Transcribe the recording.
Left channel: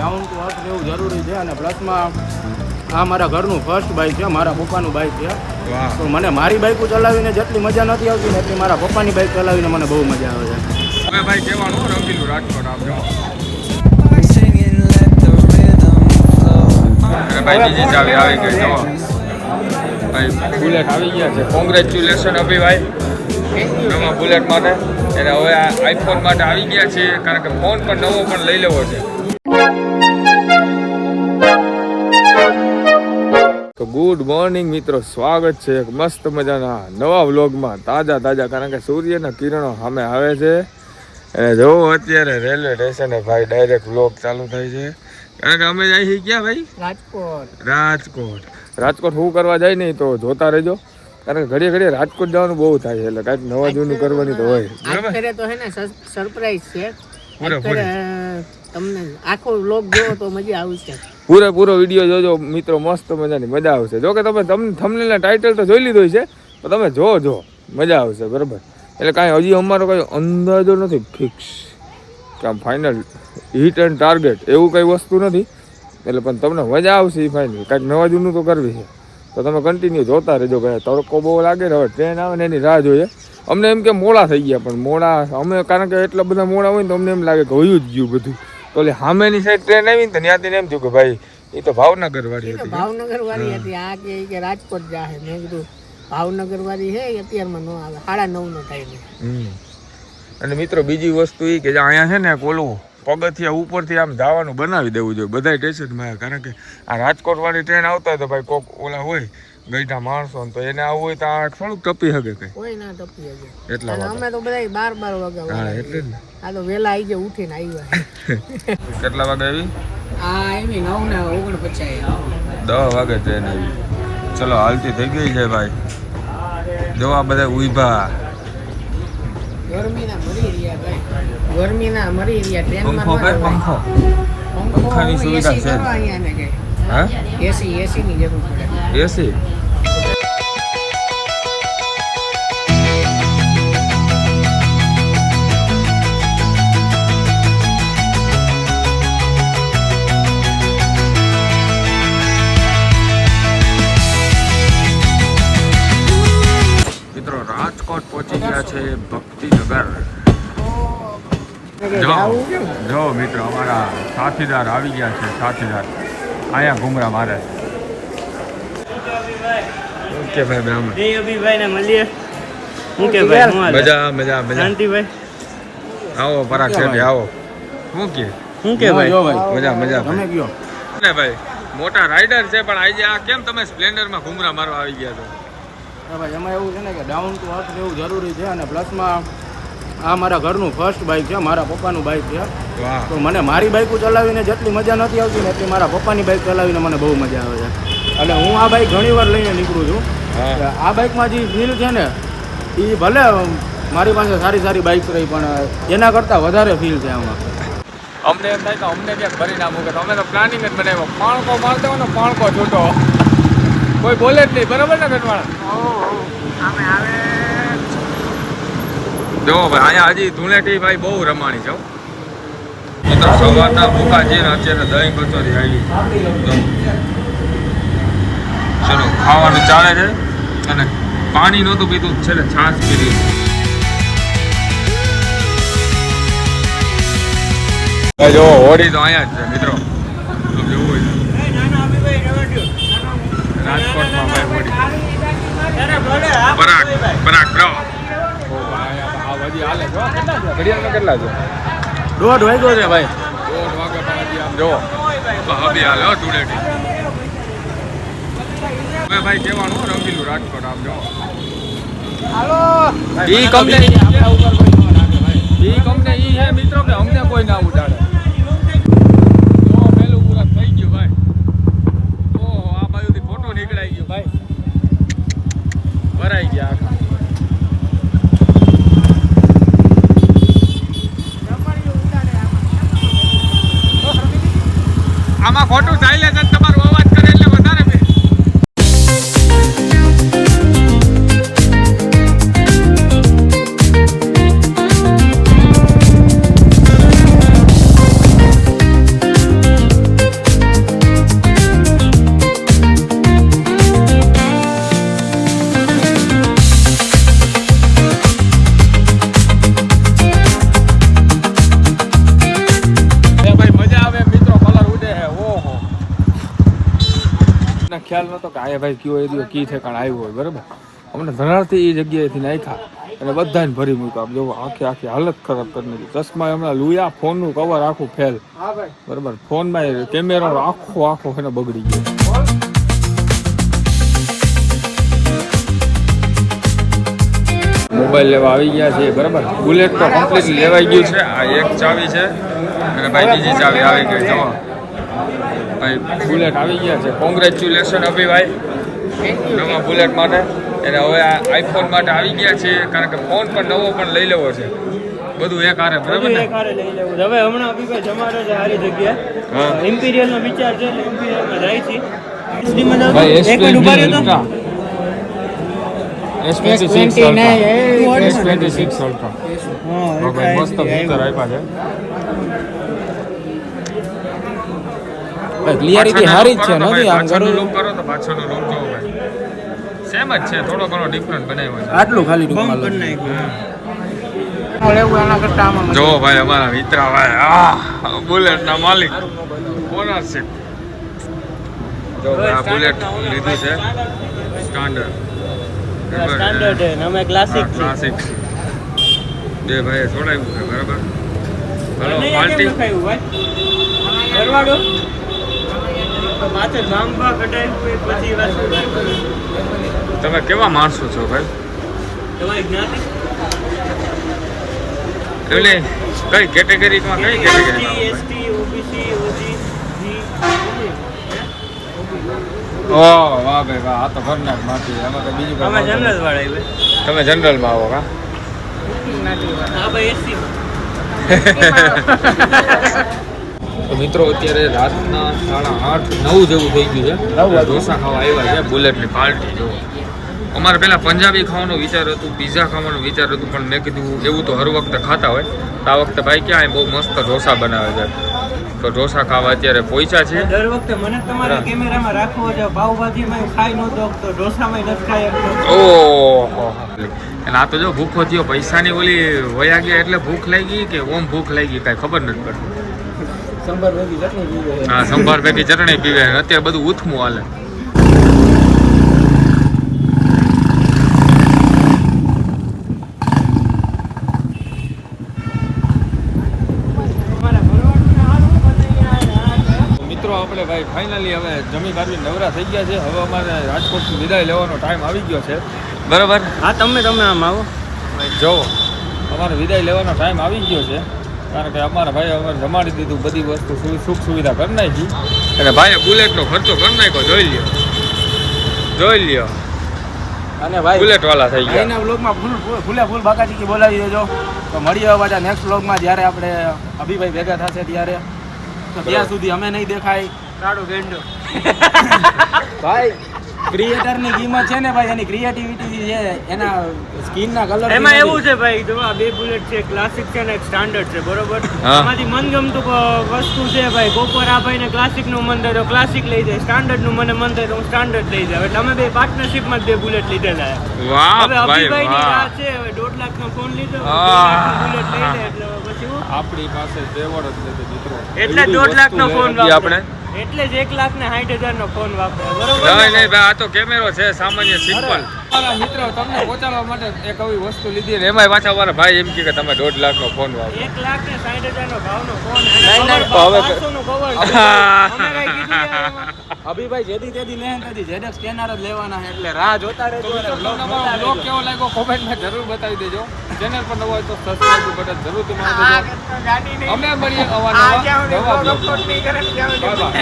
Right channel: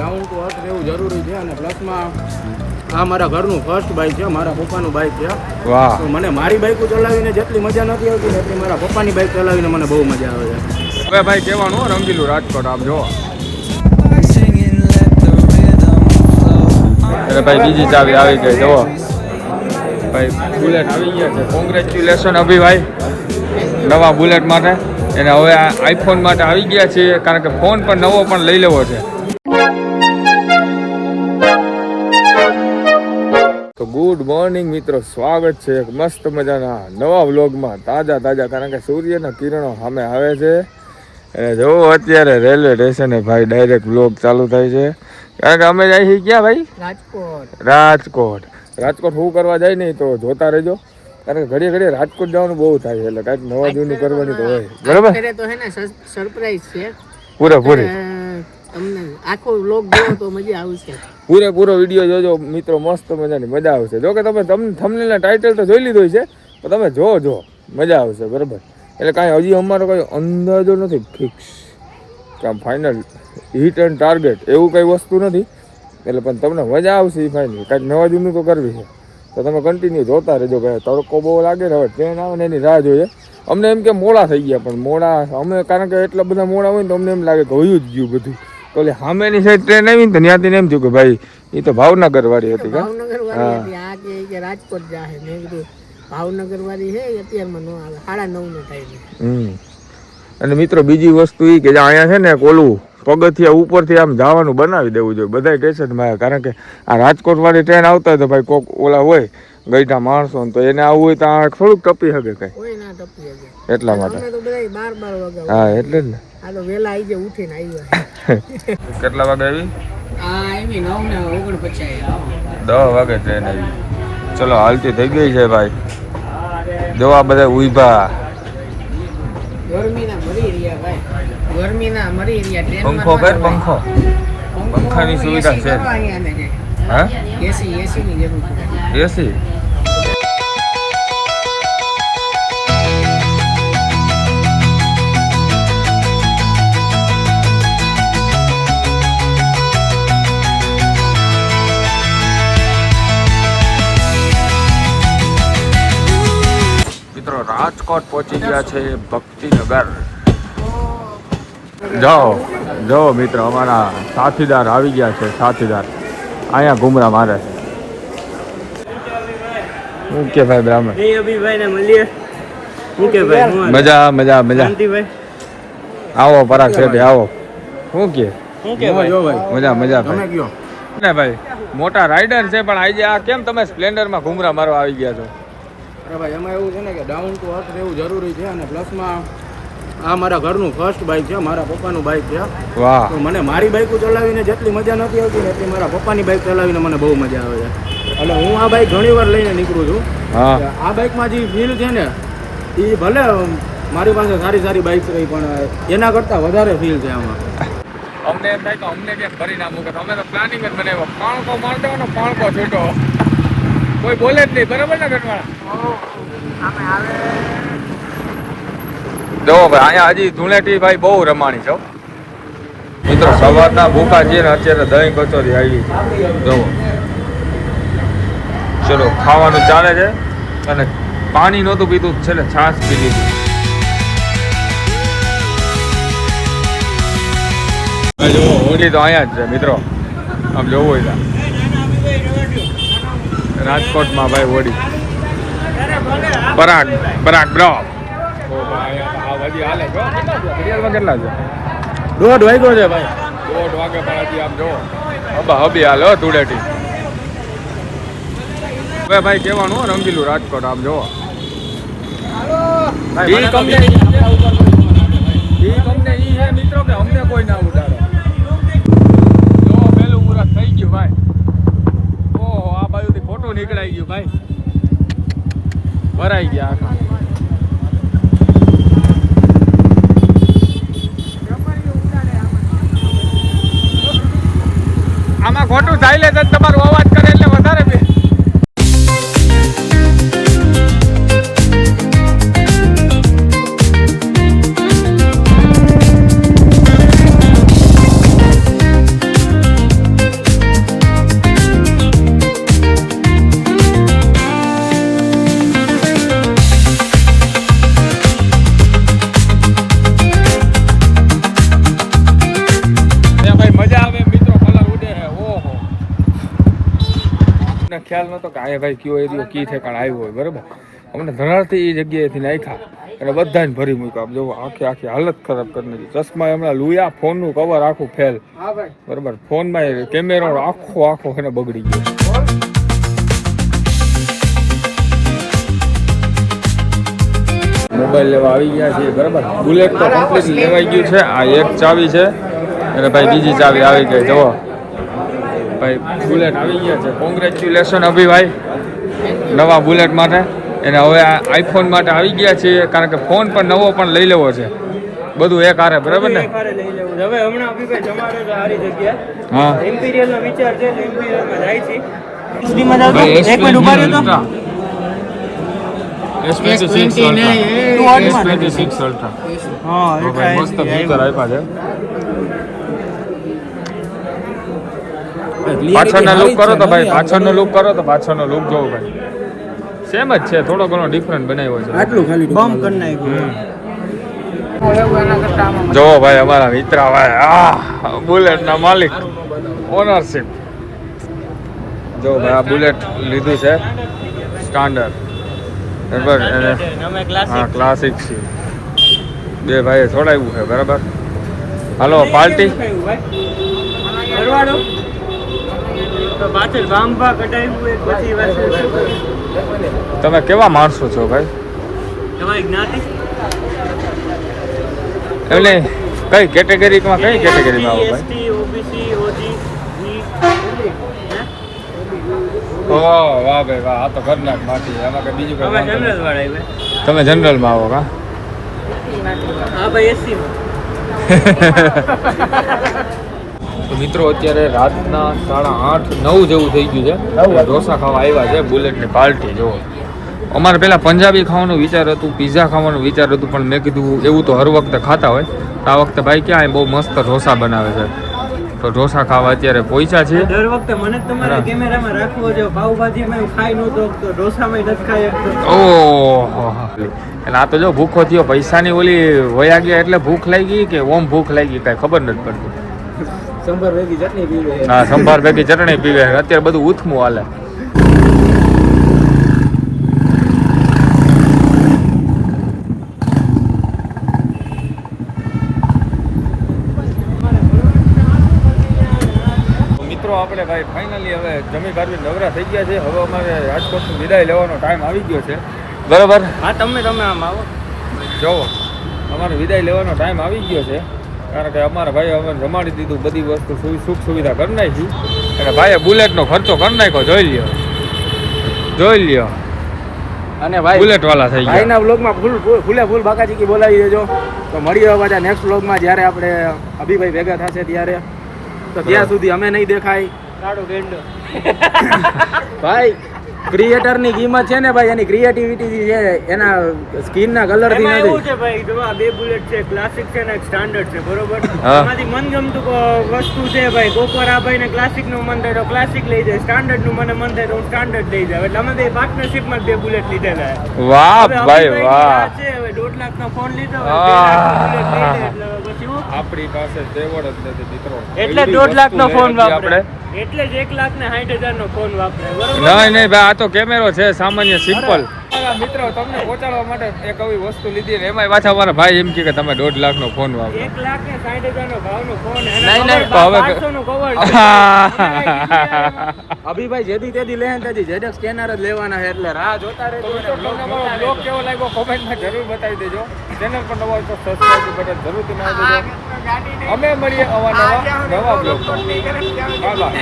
Down to earth રહેવું જરૂરી છે અને પ્લસમાં આ મારા ઘરનું ફર્સ્ટ બાઇક છે, મારા પપ્પાનું બાઇક છે. વાહ. તો મને મારી બાઇકો ચલાવીને જેટલી મજા નથી આવતી ને એટલી મારા પપ્પાની બાઇક ચલાવીને મને બહુ મજા આવે છે. હવે ભાઈ કહેવાનું રંગીલું રાજકોટ આપ જો. અરે ભાઈ બીજી ચાવી આવી ગઈ જો ભાઈ, બુલેટ આવી ગયા છે. કોંગ્રેચ્યુલેશન અભિભાઈ નવા બુલેટ માટે. અને હવે આઈફોન માટે આવી ગયા છે, કારણ કે ફોન પણ નવો પણ લઈ લેવો છે. તો ગુડ મોર્નિંગ મિત્રો, સ્વાગત છે એક મસ્ત મજાના નવા વ્લોગમાં. તાજા કારણ કે સૂર્યના કિરણો સામે આવે છે. અને જો અત્યારે રેલવે સ્ટેશને ભાઈ ડાયરેક્ટ વ્લોગ ચાલુ થાય છે, કારણ કે અમે જાય છીએ ક્યાં ભાઈ? રાજકોટ શું કરવા જાય નહીં તો જોતા રહેજો, કારણ કે ઘડીએ રાજકોટ જવાનું બહુ થાય છે, એટલે કાંઈક નવા જૂનું કરવાની તો હોય. બરાબર તો હે ને સરપ્રાઈઝ છે પૂરેપૂરી. તમને આખો વ્લોગ જોવો તો મજા આવશે. પૂરેપૂરો વિડીયો જોજો મિત્રો, મસ્ત મજાની મજા આવશે. જો કે તમને થંબનેલના ટાઇટલ તો જોઈ લીધું છે, પણ તમે જો મજા આવશે. બરાબર, એટલે કાંઈ હજી અમારો કંઈ અંદાજો નથી ફિક્સ કે આમ ફાઇનલ હિટ એન્ડ ટાર્ગેટ એવું કંઈ વસ્તુ નથી. એટલે પણ તમને મજા આવશે એ ફાઇનલ. કાંઈક નવા જૂનું તો કરવી છે, તો તમે કન્ટિન્યુ જોતા રહેજો. કે તડકો બહુ લાગે ને, હવે ટ્રેન આવે ને એની રાહ જોઈએ. અમને એમ કે મોડા થઈ ગયા, પણ મોડા અમે કારણ કે એટલા બધા મોડા હોય ને તો અમને એમ લાગે કે હોયું જ ગયું બધું. તો એટલે સામેની સાઈડ ટ્રેન આવી ને તો ત્યાંથી એમ થયું કે ભાઈ એ તો ભાવનગર વાળી હતી. ભાવનગર વાળી હતી. આ કે રાજકોટ જાહે. મેં કીધું ભાવનગર વાળી હે અત્યારમાં નો આવે, 9:30 નો ટાઈમ. અને મિત્રો બીજી વસ્તુ એ કે અહીંયા છે ને ઓલું પગથિયા ઉપરથી આમ જવાનું બનાવી દેવું જોઈએ બધા સ્ટેશનમાં, કારણ કે આ રાજકોટ વાળી ટ્રેન આવતા હોય તો ભાઈ કોક ઓલા હોય ગઈઢા માણસો, તો એને આવવું હોય તો આ થોડુંક ટપી શકે કઈ. કોઈ ના ટપી શકે એટલા માટે અમે તો બધા 12 વાગે. હા એટલે જ ને. આ તો વેલા આવી જાય, ઉઠીને આવ્યા. કેટલા વાગે આવી? આ એમી 9:49. 10 વાગે ટ્રેન આવી. ચલો હાલતી થઈ ગઈ છે ભાઈ. જો આ બધા ઉભા ગરમીના મરી રહ્યા ભાઈ, ગરમીના મરી રહ્યા. પંખો પંખાની સુવિધા છે. હા એસી ની જરૂર પડે. એસી મિત્રો રાજકોટ પહોંચી ગયા છે ભક્તિનગર. જો મિત્રો અમારા સાથીદાર આવી ગયા છે. સાથીદાર અહીંયા ઘુમરા મારે છે. શું કે ભાઈ બ્રાહ્મણ? અભિભાઈ ને મળીએ. શું કે ભાઈ? મજા શાંતિભાઈ આવો પરાગ છે આવો. શું કે ભાઈ? જો ભાઈ મજા તમે કયો ને ભાઈ, મોટા રાઇડર છે પણ આજે આ કેમ તમે સ્પ્લેન્ડરમાં ઘુમરા મારવા આવી ગયા છો? અરે ભાઈ એમાં એવું છે ને કે ડાઉન ટુ અર્થ રહેવું જરૂરી છે, અને પ્લસમાં આ મારા ઘરનું ફર્સ્ટ બાઇક છે, મારા પપ્પાનું બાઇક છે. વાહ. તો મને મારી બાઇકો ચલાવીને જેટલી મજા નથી આવતી ને એટલી મારા પપ્પાની બાઇક ચલાવીને મને બહુ મજા આવે છે. એટલે હું આ બાઇક ઘણી વાર લઈને નીકળું છું. આ બાઇકમાં જે ફીલ છે ને એ ભલે મારી પાસે સારી બાઇક રહી, પણ એના કરતાં વધારે ફીલ છે આમાં. અમને એમ થાય કે અમને ક્યાંક ભરી નાખું, કે તમે તો પ્લાનિંગ જ બનાવ્યો. પાણકો મારતો ને પાણકો છૂટો, કોઈ બોલે જ નહીં. બરોબર ને ઘરમાં અમે આવે જો ભાઈ અહીંયા હજી ધૂળેટી ભાઈ બહુ રમાણી છે મિત્રો. સવારના ભૂખા છે ને અત્યારે દહીં કચોરી આવી જો. ચલો ખાવાનું ચાલે છે, અને પાણી નહોતું પીતું છે ને છાશ પી લીધી. જો હોડી તો અહીંયા જ છે મિત્રો, આમ જોવું હોય રાજકોટમાં ભાઈ હોડી. પરાગ બ્રો. ઓ ભાઈ આ વધી હાલે જો. ઘડિયાળમાં કેટલા છે? 1:30 વાગ્યો છે ભાઈ. 1:30 વાગે પણ હજી આમ જો હબી હાલે ધૂળેટી. હવે ભાઈ કહેવાનું રંગીલું રાજકોટ આમ જો. ઈ કંપની છે મિત્રો કે અમને કોઈ ના ઉડાડે. જો પેલું મુરત થઈ ગયું ભાઈ. ઓહો આ બાજુથી ફોટો નીકળાઈ ગયું ભાઈ, ભરાઈ ગયા. આમાં ખોટું સાયલેન્સ જ તમારો અવાજ કરે એટલે વધારે ખ્યાલ નહોતો કે આ ભાઈ કયો એરિયો કી ઠેકાણ આવ્યો હોય બરાબર. અમને ધરારથી એ જગ્યાએથી નાખ્યા અને બધાને ભરી મૂક્યો. આમ જોવો આખી હાલત ખરાબ કરી નાખી. ચશ્મા હમણાં લુયા, ફોનનું કવર આખું ફેલ હા ભાઈ બરાબર. ફોનમાં કેમેરો આખો એને બગડી ગયો. મોબાઈલ લેવા આવી ગયા છે બરાબર. બુલેટ તો કમ્પ્લીટ લેવાઈ ગયું છે. આ એક ચાવી છે અને ભાઈ બીજી ચાવી આવી ગઈ. જુઓ ભાઈ બુલેટ આવી ગયા છે. કોંગ્રેચ્યુલેશન અભિભાઈ નવા બુલેટ માટે. એને હવે આઈફોન માટે આવી ગયા છે કારણ કે ફોન પણ નવો પણ લઈ લેવો છે. બધું એક હારે બરાબર ને. લઈ લેવું હવે હમણાં અભિભાઈ જમાડે છે સારી જગ્યા. હા ઇમ્પિરિયલ નો વિચાર છે ઇમ્પિરિયલમાં જાય છે. ભાઈ S26 Ultra. ઓકે મસ્ત ફીચર આપ્યા છે. પાછળનો લુક કરો તો પાછળનો લુક જોવો ભાઈ સેમ જ છે. થોડો ઘણો ડિફરન્ટ બનાવ્યો છે. આટલું ખાલી બમ કરી નાખ્યું. જોવો ભાઈ અમારા મિત્ર ભાઈ બુલેટ ના માલિક ઓનરશિપ. જો આ બુલેટ લીધું છે સ્ટાન્ડર્ડ બરાબર. હા ક્લાસિક છે. બે ભાઈએ છોડાવ્યું છે બરાબર. હાલો પાર્ટી. તમે કેવા માણસો છો ભાઈ? એટલે કઈ કેટેગરીમાં આવો ભાઈ? ઓહ વાહ ભાઈ વાહ. આ તો ખતરનાક માંથી એમાં કઈ બીજું તમે જનરલમાં આવો કા? તો મિત્રો અત્યારે રાતના 8:30-9 જેવું થઈ ગયું છે. ઢોસા ખાવા આવ્યા છે બુલેટની પાર્ટી. જો અમારે પહેલાં પંજાબી ખાવાનું વિચાર હતું, પીઝા ખાવાનું વિચાર હતું, પણ મેં કીધું એવું તો હર વખતે ખાતા હોય. આ વખતે ભાઈ ક્યાં બહુ મસ્ત ઢોસા બનાવે છે. તો ઢોસા ખાવા અત્યારે પહોંચ્યા છે. દર વખતે મને તમારા કેમેરામાં રાખવો જો પાવભાજીમાં ખાઈ નહોતો તો ઢોસામાં નથી ખાઈ શકતો. એટલે આ તો જો ભૂખો થયો. પૈસાની ઓલી વયા ગયા એટલે ભૂખ લાગી કે ઓમ ભૂખ લાગી કાંઈ ખબર નથી પડતી. સંભાર ભેગી ચટણી પીવે. હા સંભાર ભેગી ચટણી પીવે. અત્યારે બધું ઉથમું હાલે. મિત્રો આપણે ભાઈ ફાઇનલી હવે જમી કાઢી નવરા થઈ ગયા છે. હવે અમારે રાજકોટથી વિદાય લેવાનો ટાઈમ આવી ગયો છે બરાબર. હા તમે આમ આવો. જોવો અમારે વિદાય લેવાનો ટાઈમ આવી ગયો છે કારણ કે અમારા ભાઈ અમે જમાડી દીધું. બધી વસ્તુ સુખ સુવિધા કરી નાખી અને ભાઈએ બુલેટનો ખર્ચો કરી નાખ્યો. જોઈ લ્યો અને ભાઈ બુલેટ વાળા થઈ ગયા. ભાઈના વ્લોગમાં ફૂલ બાકાચીકી બોલાવી દેજો. તો મળીએ પાછા નેક્સ્ટ વ્લોગમાં જ્યારે આપણે અભિભાઈ ભેગા થશે ત્યારે. તો ત્યાં સુધી અમે નહીં દેખાય. ભાઈ ક્રિએટરની કિંમત છે ને ભાઈ એની ક્રિએટિવિટી છે એના સ્કિનના કલર એમાં એવું છે ભાઈ જો આ બે બુલેટ છે ક્લાસિક છે ને એક સ્ટાન્ડર્ડ છે બરોબર. એમાંથી મનગમતું વસ્તુ છે ભાઈ. કોકવાર આ ભાઈને ક્લાસિક નું મન થાય તો ક્લાસિક લઈ જાય, સ્ટાન્ડર્ડ નું મને મન થાય તો હું સ્ટાન્ડર્ડ લઈ જાવ. એટલે અમે બે પાર્ટનરશિપમાં બે બુલેટ લીધેલા. વાહ ભાઈ વાહ. છે હવે 1.5 લાખનો ફોન લીધો એટલે પછી આપણી પાસે તેવડ જ નથી મિત્રો. એટલે 1.5 લાખનો ફોન આપણે એટલે જ 1,60,000 નો ફોન વાપરે બરોબર. નહીં ભાઈ આ તો કેમેરો છે સામાન્ય સિમ્પલ. મારા મિત્રો તમને પહોંચાડવા માટે એક આવી વસ્તુ લીધી ને એમાં પાછા અમારા ભાઈ એમ કે તમે 1.5 લાખનો ફોન વાપરો. 1,60,000 નો ભાવનો ફોન અને કવર 1200 નું કવર છે. અભિભાઈ જેદી તેદી લે ને તેદી ZX સ્કેનર જ લેવાના છે એટલે રાહ જોતા રહેજો. તમને અમારો બ્લોગ કેવો લાગ્યો કોમેન્ટમાં જરૂર બતાવી દેજો. ચેનલ પર નવા હોય તો સબસ્ક્રાઇબ બટન જરૂરથી મારી દેજો. અમે મળીએ નવા બ્લોગમાં. Bye bye.